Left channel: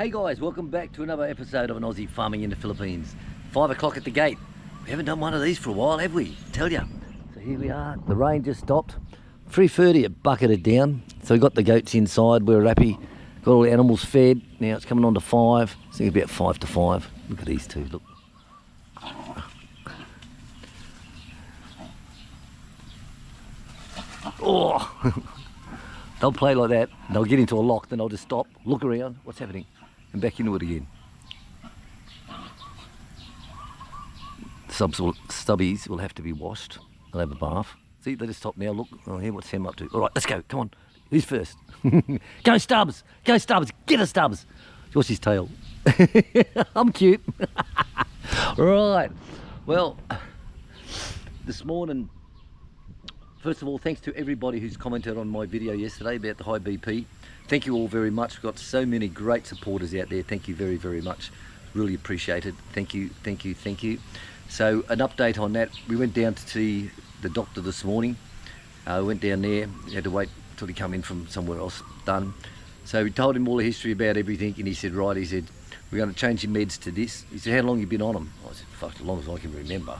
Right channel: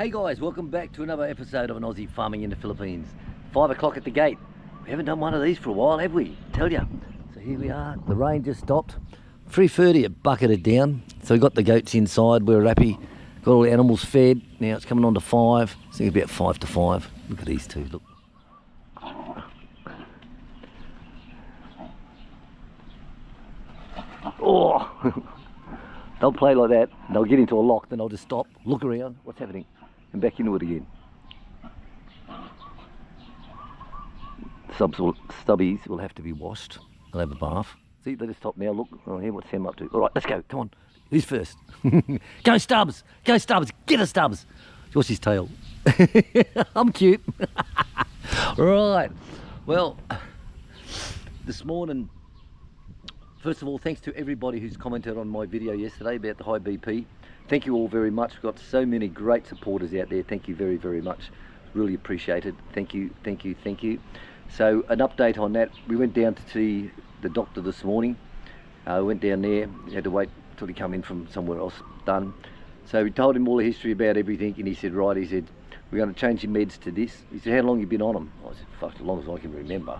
Hey guys, welcome back to another episode of an Aussie farming in the Philippines. 5 o'clock at the gate. We haven't done one of these for a while, have we? Tell ya. So here we are. The rain just stopped. 3:30 it bucketed down. So we got the goats inside. We're happy. Got all the animals fed. Now it's coming on to 5. I think it's about 5 to 5. Look at these two. Look. Oh. They'll play like that. They'll get into a lock. Then they'll just stop. Look around. What's happening? And back into it again. Stubbies will have to be washed. They'll have a bath. See, they just stop now. Look, oh, here, what's Sam up to? All right, let's go. Come on. Who's first? Go Stubbs. Go Stubbs. Get a Stubbs. What's his tail? I'm cute. Right. Well, this morning, first of all, thanks to everybody who's commented on my video yesterday about the high BP. Thank you all very much. We've got so many great supporters out there. Thank you very, very much. Really appreciate it. Thank you, thank you, thank you. So an update on that. We went down to see the doctor this morning. Went down there. We had to wait till he come in from somewhere else. Done. So we told him all the history about everything, and he said, right, he said, we're going to change your meds to this. He said, how long have you been on them? I said, fuck, as long as I can remember.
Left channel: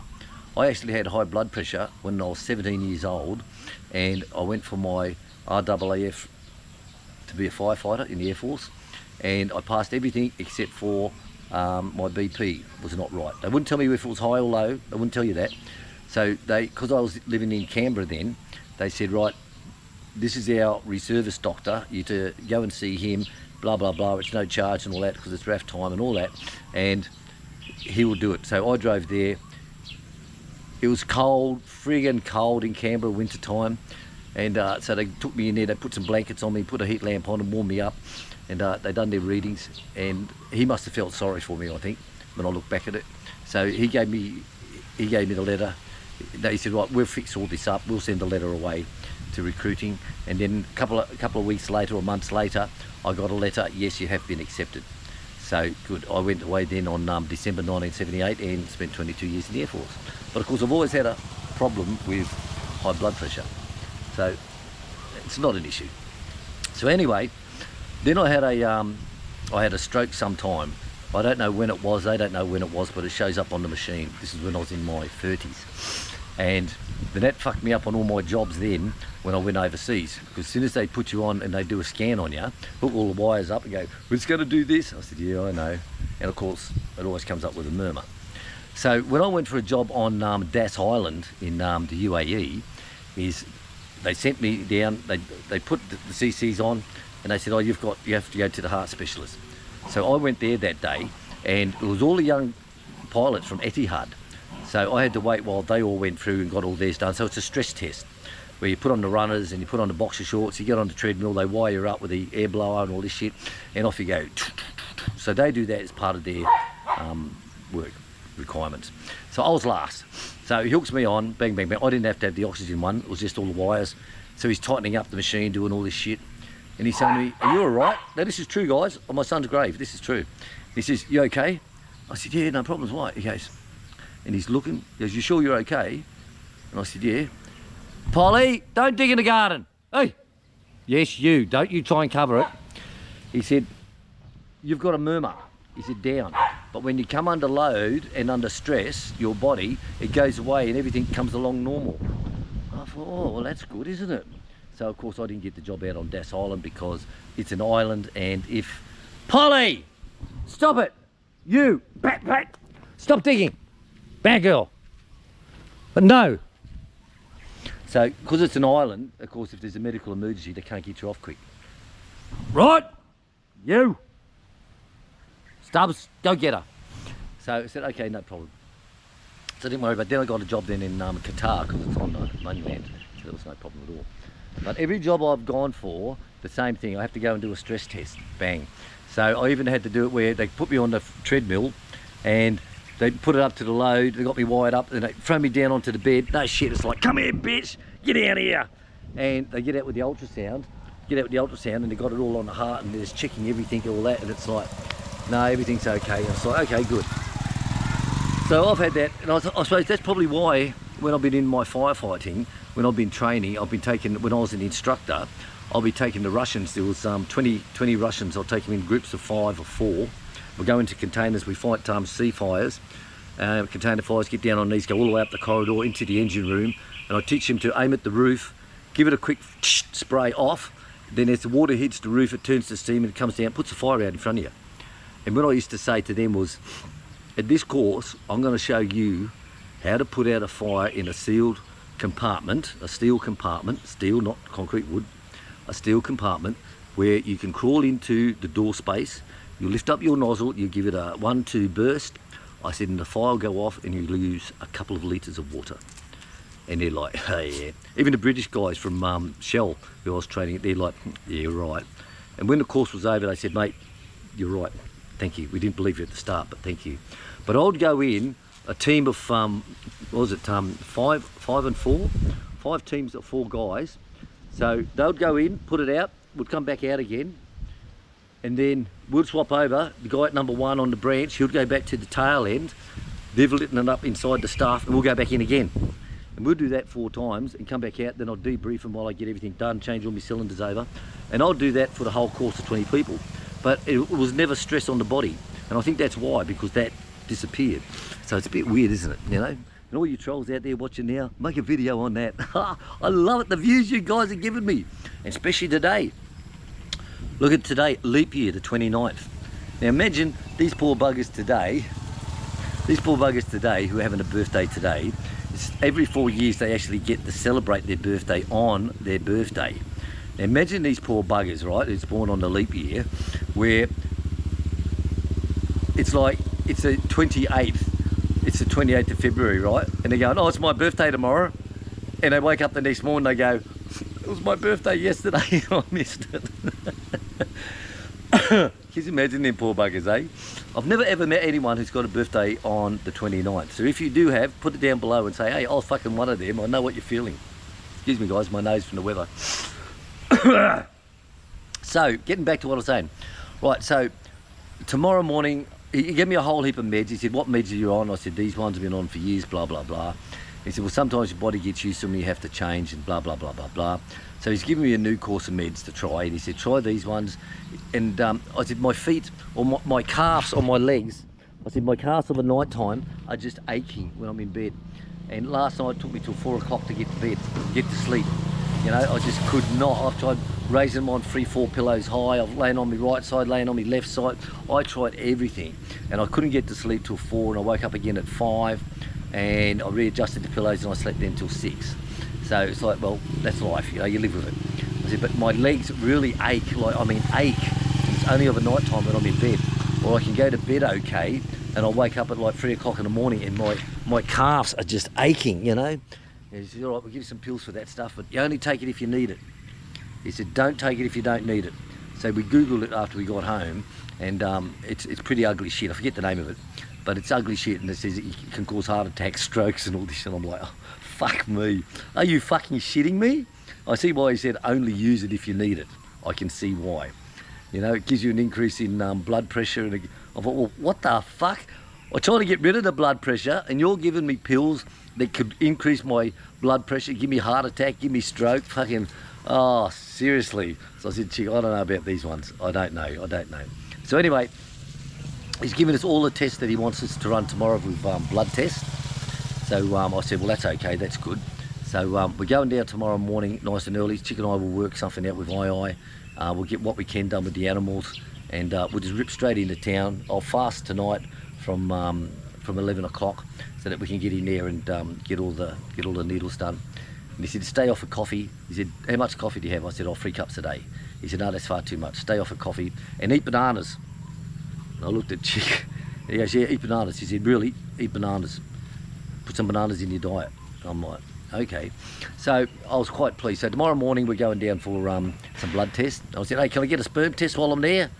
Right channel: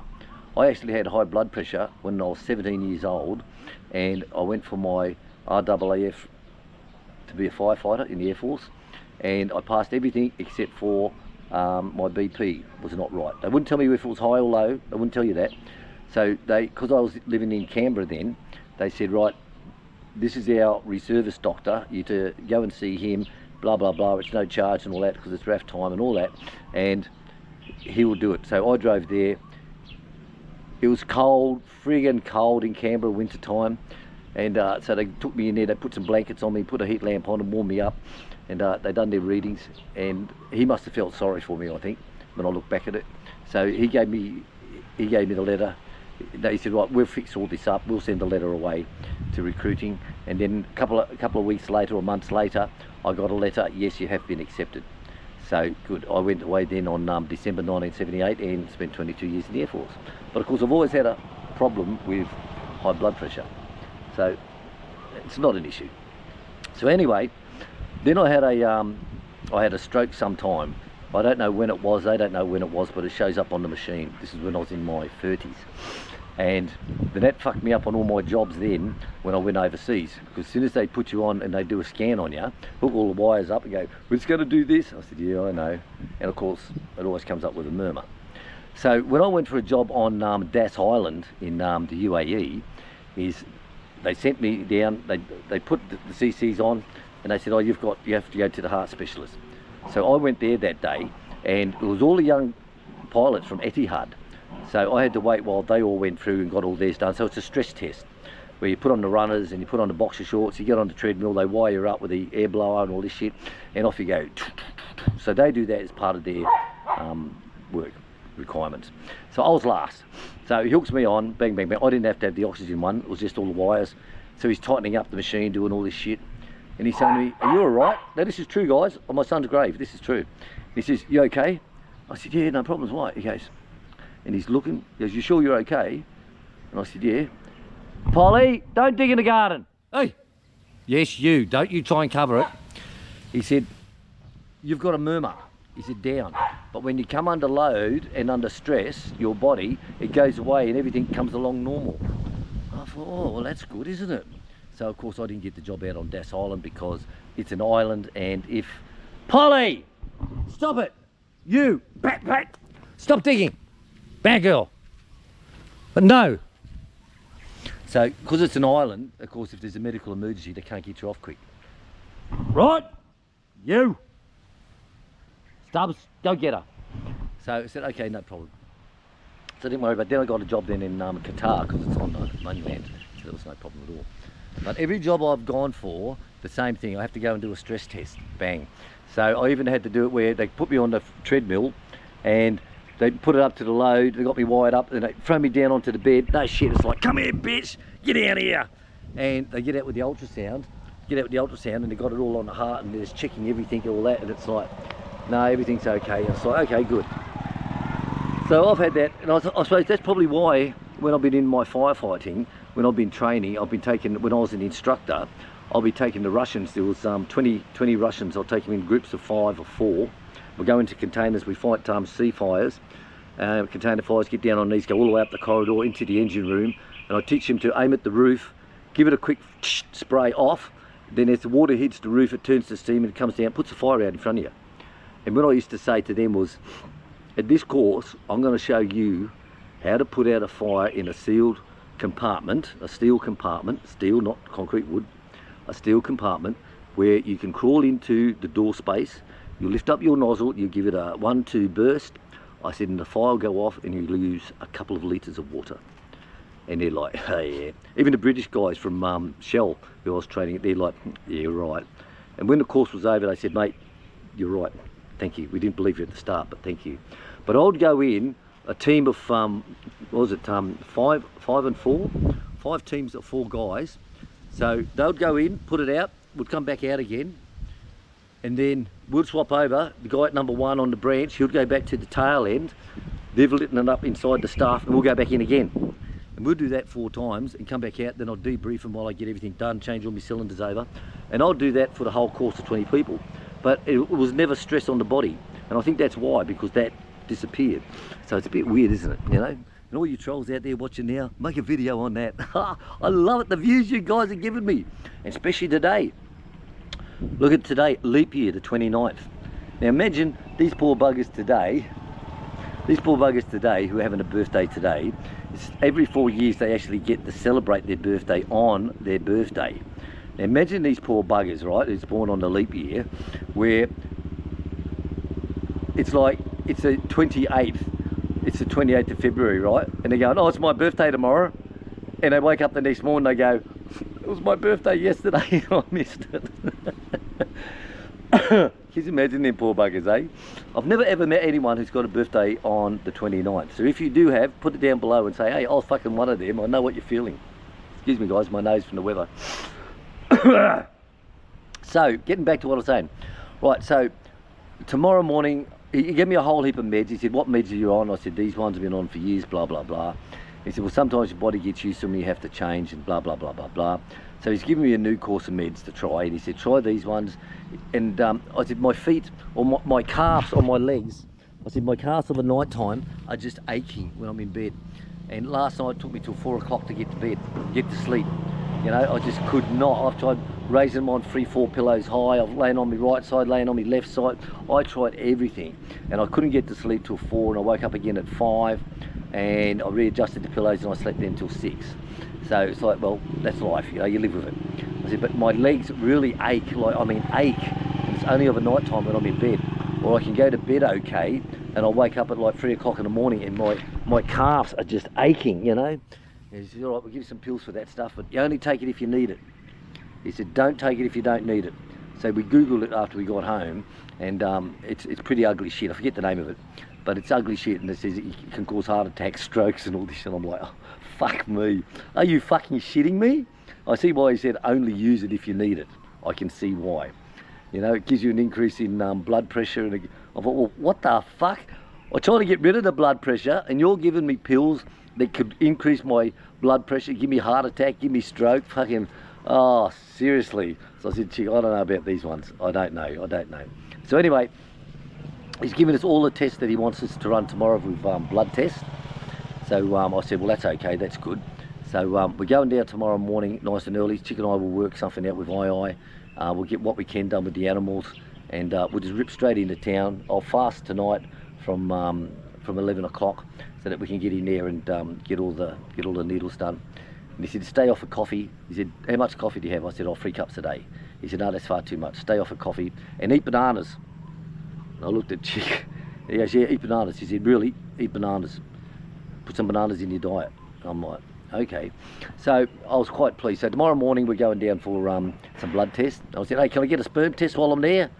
I actually had high blood pressure when I was 17 years old, and I went for my RAAF to be a firefighter in the Air Force, and I passed everything except for my BP was not right. They wouldn't tell me if it was high or low. They wouldn't tell you that. So because I was living in Canberra then, they said, right, this is our reservist doctor. You to go and see him. Blah blah blah. It's no charge and all that because it's RAF time and all that, and he will do it. So I drove there. It was cold, friggin' cold in Canberra, winter time, and so they took me in there. They put some blankets on me, put a heat lamp on, and warmed me up, and they done their readings. And he must have felt sorry for me, I think, when I look back at it. So he gave me the letter. He said, right, we'll fix all this up. We'll send a letter away to recruiting. And then a couple of weeks later or months later, I got a letter. Yes, you have been accepted. So good. I went away then on December 1978 and spent 22 years in the Air Force. But of course, I've always had a problem with high blood pressure, so it's not an issue. So anyway, then I had a stroke sometime. I don't know when it was. They don't know when it was, but it shows up on the machine. This is when I was in my 30s, and that fucked me up on all my jobs then when I went overseas. Because as soon as they put you on and they do a scan on you, hook all the wires up and go, "We're just going to do this." I said, "Yeah, I know," and of course, it always comes up with a murmur. So when I went for a job on Das Island in the UAE, they sent me down. They put the CCs on, and they said, "Oh, you have to go to the heart specialist." So I went there that day, and it was all the young pilots from Etihad. So I had to wait while they all went through and got all theirs done. So it's a stress test where you put on the runners and you put on the boxer shorts. You get on the treadmill. They wire you up with the air blower and all this shit, and off you go. So they do that as part of their work requirements. So I was last. So he hooks me on, bang, bang, bang. I didn't have to have the oxygen one. It was just all the wires. So he's tightening up the machine, doing all this shit. And he's saying to me, "Are you all right?" Now this is true, guys, on my son's grave. This is true. He says, "You okay?" I said, "Yeah, no problems." Why? He goes, and he's looking. He goes, "You sure you're okay?" And I said, "Yeah." "Polly, don't dig in the garden." "Hey." "Yes, you. Don't you try and cover it." He said, "You've got a murmur." He said, "Down. But when you come under load and under stress, your body, it goes away and everything comes along normal." I thought, oh, well, that's good, isn't it? So, of course, I didn't get the job out on Das Island because it's an island, and if... Polly! Stop it! You! Pat! Stop digging! Bad girl! But no! So, because it's an island, of course, if there's a medical emergency, they can't get you off quick. Right! You! Stubbs, go get her. So I said, okay, no problem. So I didn't worry about it. Then I got a job then in Qatar because it's on the mainland. So there was no problem at all. But every job I've gone for, the same thing. I have to go and do a stress test. Bang. So I even had to do it where they put me on the treadmill and they put it up to the load. They got me wired up and they throw me down onto the bed. No shit. It's like, "Come here, bitch. Get out of here." And they get out with the ultrasound. And they got it all on the heart and they're just checking everything, all that. And it's like, no, everything's okay. And it's like, okay, good. So I've had that, and I suppose that's probably why when I've been in my firefighting, when I've been training, I've been taking, when I was an instructor, I'll be taking the Russians. There was 20 Russians. I'll take them in groups of 5 or 4. We'll go into containers. We fight sea fires, container fires. Get down on knees, go all the way up the corridor into the engine room, and I teach them to aim at the roof, give it a quick spray off. Then as the water hits the roof, it turns to steam and it comes down, puts the fire out in front of you. And what I used to say to them was, at this course, I'm going to show you how to put out a fire in a sealed compartment, a steel compartment, steel, not concrete wood, a steel compartment where you can crawl into the door space, you lift up your nozzle, you give it a 1-2 burst. I said, and the fire will go off and you lose a couple of litres of water. And they're like, oh yeah. Even the British guys from Shell, who I was training, they're like, yeah, right. And when the course was over, they said, mate, you're right, thank you. We didn't believe you at the start, but thank you. But I would go in, a team of, what was it, 5 and 4? 5 teams of 4 guys. So they would go in, put it out, would come back out again, and then we'd swap over. The guy at number 1 on the branch, he'd go back to the tail end, they've lit it up inside the staff, and we'll go back in again. And we'll do that 4 times and come back out, then I'll debrief them while I get everything done, change all my cylinders over. And I'll do that for the whole course of 20 people. But it was never stress on the body. And I think that's why, because that disappeared. So it's a bit weird, isn't it? You know? And all you trolls out there watching now, make a video on that. I love it, the views you guys are giving me. And especially today. Look at today, leap year, the 29th. Now imagine these poor buggers today who are having a birthday today. Every 4 years they actually get to celebrate their birthday on their birthday. Now imagine these poor buggers, right, who's born on the leap year, where it's like, it's the 28th, it's the 28th of February, right? And they're going, oh, it's my birthday tomorrow. And they wake up the next morning, they go, it was my birthday yesterday, I missed it. Can you imagine them poor buggers, eh? I've never ever met anyone who's got a birthday on the 29th. So if you do have, put it down below and say, hey, I was fucking one of them. I know what you're feeling. Excuse me, guys, my nose from the weather. So, getting back to what I was saying. Right, so tomorrow morning, he gave me a whole heap of meds. He said, what meds are you on? I said, these ones have been on for years, blah, blah, blah. He said, well, sometimes your body gets used to them and you have to change and blah, blah, blah, blah, blah. So he's given me a new course of meds to try, and he said, try these ones. And I said, my feet, or my calves on my legs, I said, my calves of the night time are just aching when I'm in bed. And last night it took me till 4 o'clock to get to bed, get to sleep. You know, I just could not. I've tried raising them on 3-4 pillows high. I've lain on my right side, laying on my left side. I tried everything, and I couldn't get to sleep till 4, and I woke up again at 5, and I readjusted the pillows, and I slept then till 6. So it's like, well, that's life, you know, you live with it. I said, but my legs really ache, like, I mean, ache. And it's only over night time when I'm in bed. Or I can go to bed okay, and I'll wake up at like 3 o'clock in the morning, and my calves are just aching, you know. And he said, all right, we'll give you some pills for that stuff, but you only take it if you need it. He said, don't take it if you don't need it. So we Googled it after we got home, and it's pretty ugly shit. I forget the name of it, but it's ugly shit, and it says it can cause heart attacks, strokes, and all this, and I'm like, oh, fuck me. Are you fucking shitting me? I see why he said only use it if you need it. I can see why. You know, it gives you an increase in blood pressure, and I thought, well, what the fuck? I try to get rid of the blood pressure, and you're giving me pills that could increase my blood pressure, give me a heart attack, give me stroke, fucking, oh, seriously. So I said, chick, I don't know about these ones. I don't know. So anyway, he's given us all the tests that he wants us to run tomorrow with blood tests. So I said, well, that's okay, that's good. So we're going down tomorrow morning, nice and early. Chick and I will work something out with II. We'll get what we can done with the animals, and we'll just rip straight into town. I'll fast tonight from 11 o'clock so that we can get in there and get all the needles done. And he said, stay off of coffee. He said, how much coffee do you have? I said, 3 cups a day. He said, no, that's far too much. Stay off of coffee and eat bananas. And I looked at Chick. He goes, yeah, eat bananas. He said, really? Eat bananas. Put some bananas in your diet. I'm like, okay. So I was quite pleased. So tomorrow morning we're going down for some blood tests. I said, hey, can I get a sperm test while I'm there?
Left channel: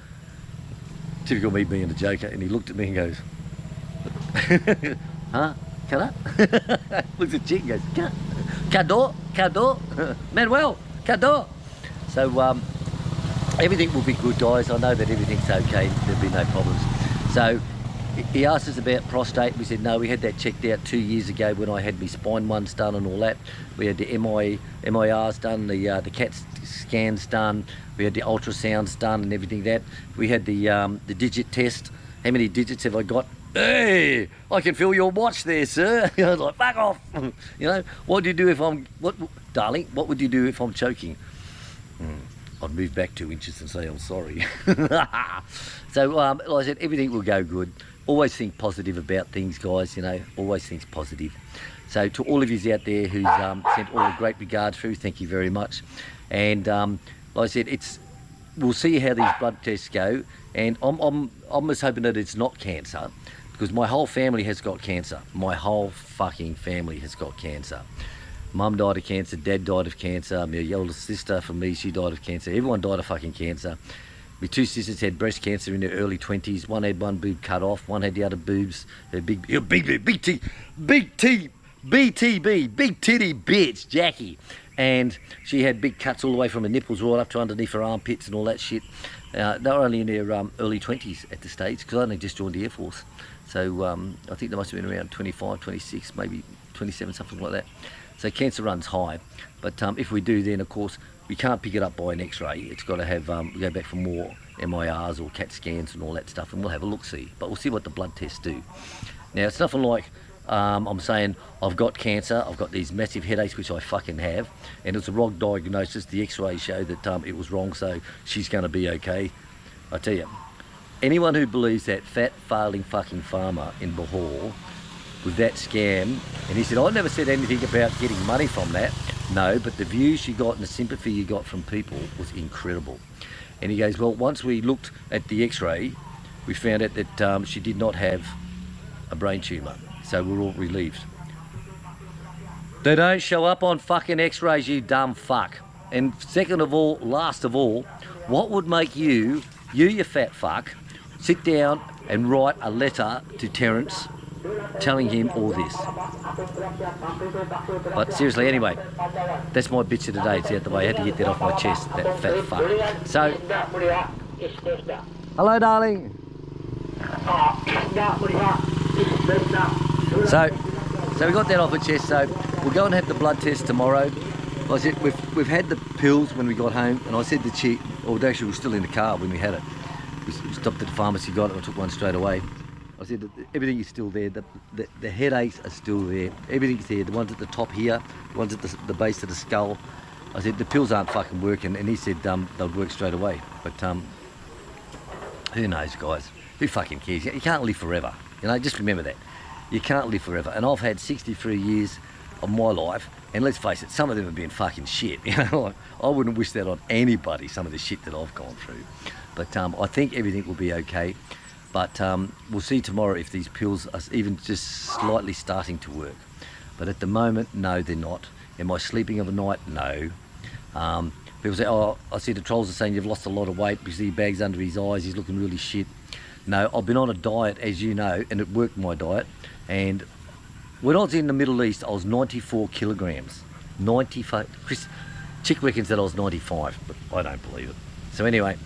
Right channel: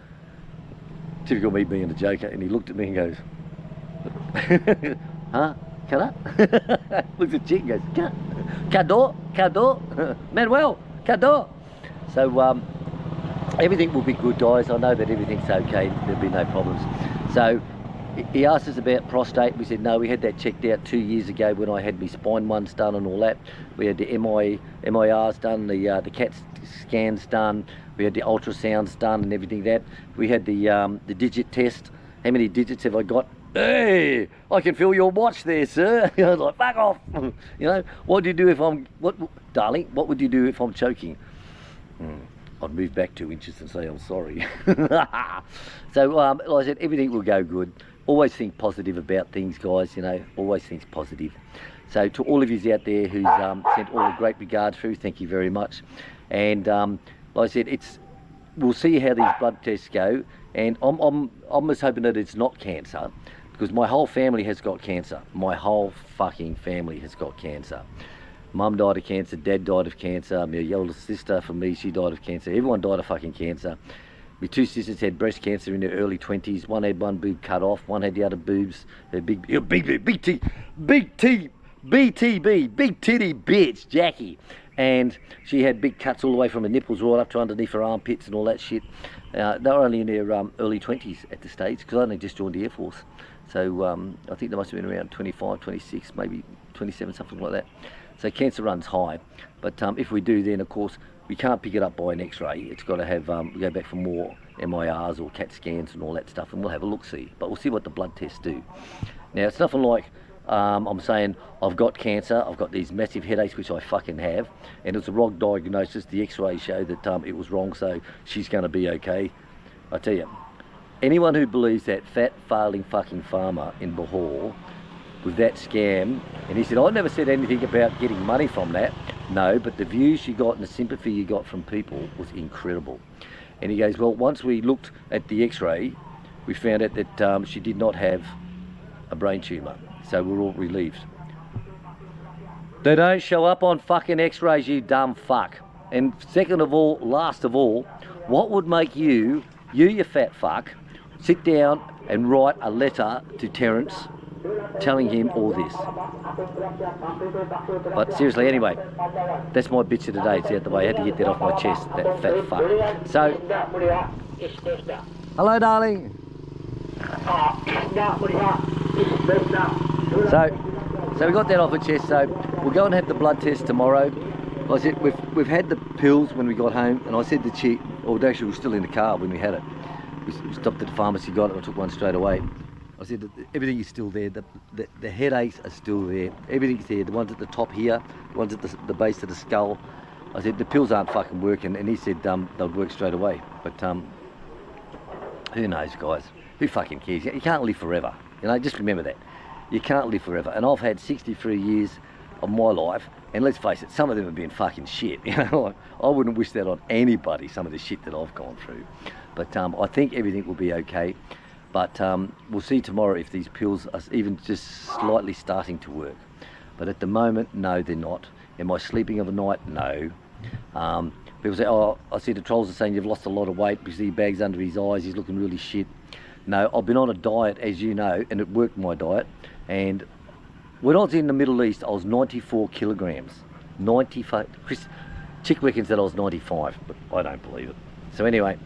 Typical me being a joker. And he looked at me and goes, huh? Can I? Looks at Chick and goes, Cador, Manuel, Cador. So everything will be good, guys. I know that everything's okay. There'll be no problems. So He asked us about prostate. We said no, we had that checked out 2 years ago when I had my spine ones done and all that. We had the MIRs done, the CAT scans done, we had the ultrasounds done and everything that. We had the digit test. How many digits have I got? Hey, I can feel your watch there, sir. I was like, fuck off. You know, what do you do if I'm, darling, what would you do if I'm choking? I'd move back 2 inches and say I'm sorry. So, like I said, everything will go good. Always think positive about things, guys, you know, always think positive. So to all of you out there who's sent all the great regards through, thank you very much. And like I said, we'll see how these blood tests go. And I'm just hoping that it's not cancer, because my whole family has got cancer. My whole fucking family has got cancer. Mum died of cancer, Dad died of cancer, my eldest sister, for me, she died of cancer. Everyone died of fucking cancer. My 2 sisters had breast cancer in their early 20s. One had one boob cut off, one had the other boobs. Big titty bitch, Jackie. And she had big cuts all the way from her nipples right up to underneath her armpits and all that shit. They were only in their early 20s at the stage, because I only just joined the Air Force. So I think they must have been around 25, 26, maybe 27, something like that. So cancer runs high. But if we do, then of course, we can't pick it up by an X-ray. It's got to have go back for more MIRs or CAT scans and all that stuff, and we'll have a look-see. But we'll see what the blood tests do. Now, it's nothing like I'm saying I've got cancer, I've got these massive headaches, which I fucking have, and it's a wrong diagnosis. The X-ray showed that it was wrong, so she's going to be okay. I tell you, anyone who believes that fat, failing fucking farmer in Bahor with that scam, and he said, I never said anything about getting money from that. No, but the views you got and the sympathy you got from people was incredible. And he goes, well, once we looked at the X-ray, we found out that she did not have a brain tumour. So we're all relieved. They don't show up on fucking X-rays, you dumb fuck. And second of all, last of all, what would make you fat fuck, sit down and write a letter to Terence telling him all this? But seriously, anyway, that's my bitch of the day. It's out the way. I had to get that off my chest, that fat fuck. So, hello, darling. So we got that off our chest. So we'll go and have the blood test tomorrow. I said we've had the pills when we got home, and I said to Chi, or actually we were still in the car when we had it. We stopped at the pharmacy, got it, and I took one straight away. I said that everything is still there, the headaches are still there, everything's there, the ones at the top here, the ones at the base of the skull. I said the pills aren't fucking working, and he said they'd work straight away. But who knows, guys? Who fucking cares? You can't live forever, you know, just remember that. You can't live forever, and I've had 63 years of my life, and let's face it, some of them have been fucking shit, you know. I wouldn't wish that on anybody, some of the shit that I've gone through. But I think everything will be okay. But we'll see tomorrow if these pills are even just slightly starting to work. But at the moment, no, they're not. Am I sleeping overnight? No. People say, oh, I see the trolls are saying you've lost a lot of weight because he bags under his eyes, he's looking really shit. No, I've been on a diet, as you know, and it worked, my diet. And when I was in the Middle East, I was 94 kilograms. 95. Chick reckons that I was 95, but I don't believe it. So anyway,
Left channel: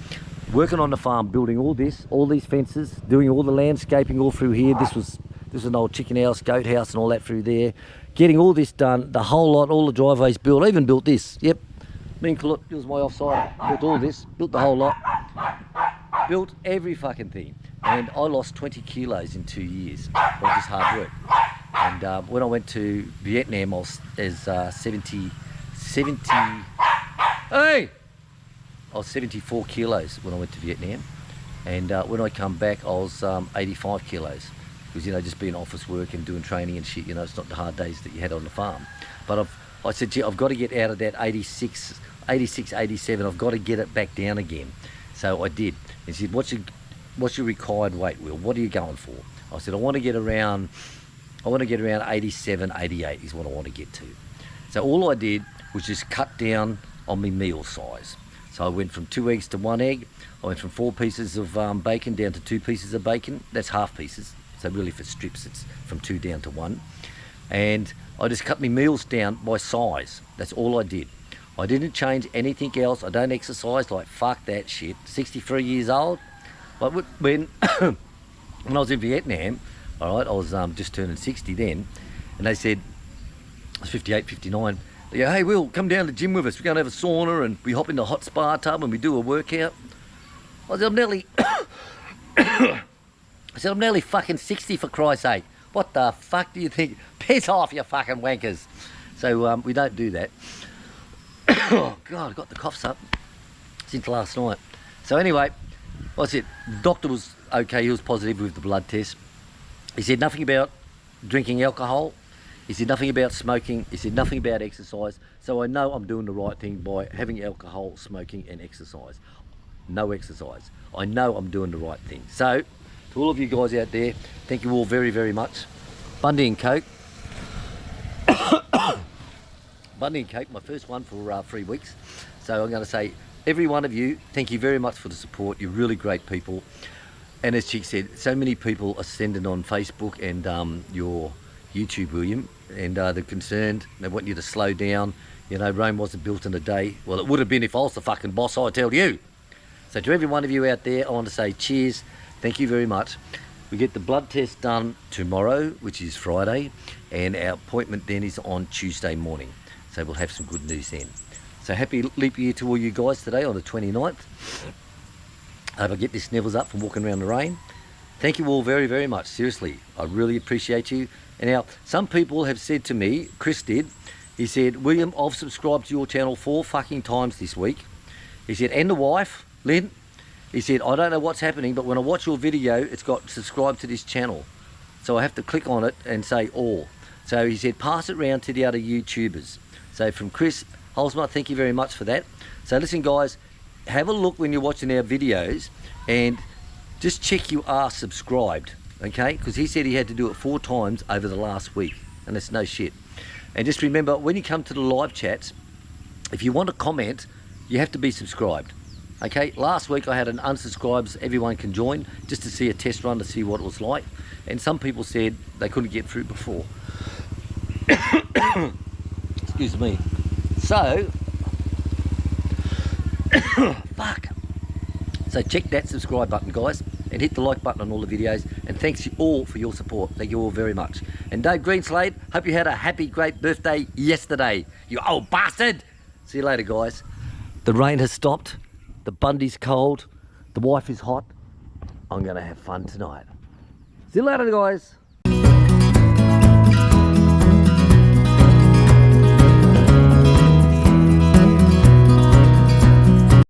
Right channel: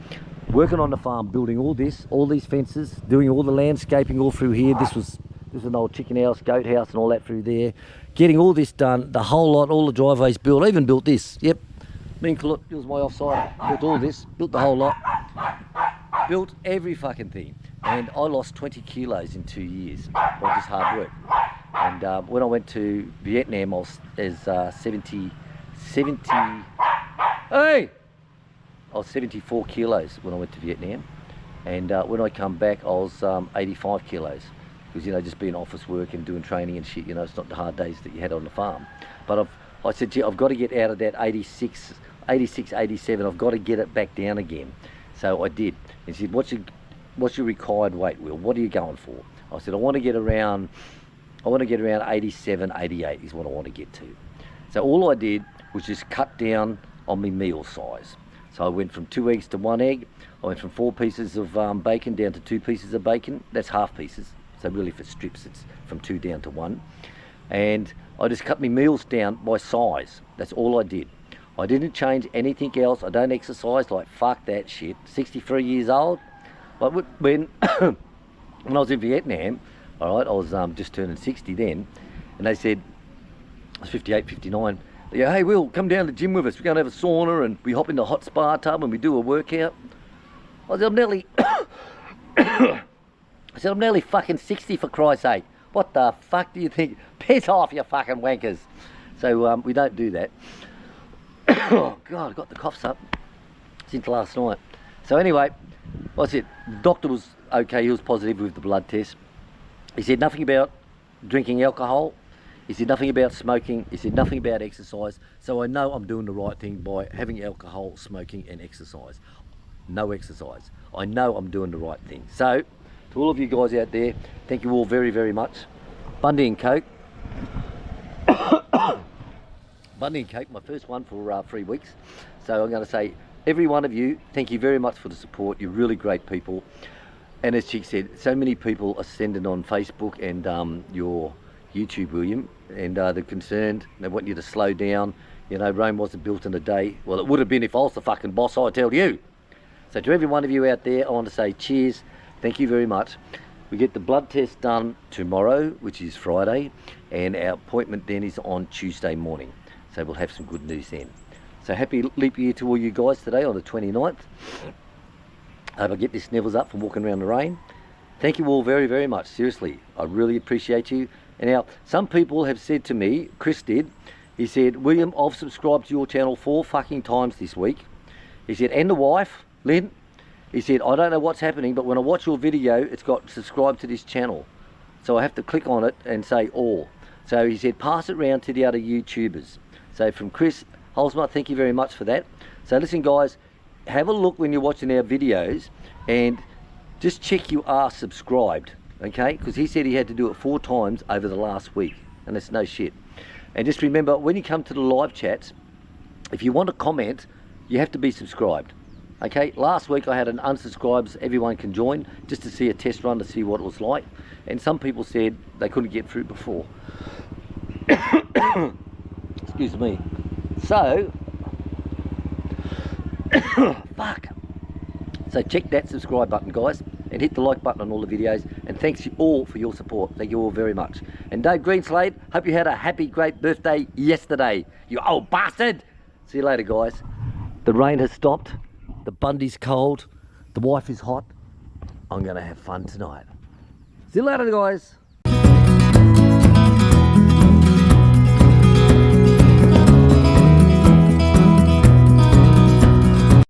working on the farm, building all these fences, doing all the landscaping all through here. This was an old chicken house, goat house and all that through there. Getting all this done, the whole lot, all the driveways built. I even built this, yep. Me and Colette, it was my offside. Built all this, built the whole lot. Built every fucking thing. And I lost 20 kilos in 2 years by just hard work. And when I went to Vietnam, I was 70, hey! I was 74 kilos when I went to Vietnam, and when I come back I was 85 kilos, because, you know, just being office work and doing training and shit, you know, it's not the hard days that you had on the farm. But I said, gee, I've got to get out of that 86, 87, I've got to get it back down again. So I did. And she said, what's your required weight, Will? What are you going for? I said, I want to get around 87, 88 is what I want to get to. So all I did was just cut down on my meal size. So I went from 2 eggs to 1 egg. I went from 4 pieces of bacon down to 2 pieces of bacon. That's half pieces. So really for strips, it's from 2 down to 1. And I just cut my meals down by size. That's all I did. I didn't change anything else. I don't exercise, like fuck that shit. 63 years old. Like when when I was in Vietnam, all right, I was just turning 60 then, and they said, I was 58, 59, they go, hey, Will, come down to the gym with us. We're going to have a sauna, and we hop in the hot spa tub, and we do a workout. I said, I'm nearly, I said, I'm nearly fucking 60 for Christ's sake. What the fuck do you think? Piss off, you fucking wankers. So we don't do that. Oh, God, I got the coughs up since last night. So anyway, what's it? The doctor was okay, he was positive with the blood test. He said nothing about drinking alcohol. He said nothing about smoking. He said nothing about exercise. So I know I'm doing the right thing by having alcohol, smoking and exercise. No exercise. I know I'm doing the right thing. So, to all of you guys out there, thank you all very, very much. Bundy and Coke. Bundy and Coke, my first one for 3 weeks. So I'm going to say, every one of you, thank you very much for the support. You're really great people. And as Chick said, so many people are sending on Facebook and your YouTube, William, and they're concerned. They want you to slow down. You know, Rome wasn't built in a day. Well, it would have been if I was the fucking boss, I tell you. So to every one of you out there, I want to say cheers. Thank you very much. We get the blood test done tomorrow, which is Friday, and our appointment then is on Tuesday morning. So we'll have some good news then. So happy leap year to all you guys today on the 29th. I hope I get this snivels up from walking around the rain. Thank you all very, very much. Seriously, I really appreciate you. And now, some people have said to me, Chris did, he said, William, I've subscribed to your channel 4 fucking times this week. He said, and the wife, Lynn, he said, I don't know what's happening, but when I watch your video, it's got subscribe to this channel. So I have to click on it and say all. So he said, pass it round to the other YouTubers. So from Chris Holzmart, thank you very much for that. So listen guys, have a look when you're watching our videos and just check you are subscribed, okay? Because he said he had to do it 4 times over the last week, and that's no shit. And just remember, when you come to the live chats, if you want to comment, you have to be subscribed. Okay, last week I had an unsubscribes, everyone can join, just to see a test run to see what it was like. And some people said they couldn't get through before. Excuse me. So, fuck. So check that subscribe button, guys, and hit the like button on all the videos. And thanks you all for your support. Thank you all very much. And Dave Greenslade, hope you had a happy, great birthday yesterday, you old bastard. See you later, guys. The rain has stopped. The Bundy's cold. The wife is hot. I'm going to have fun tonight. See you later, guys.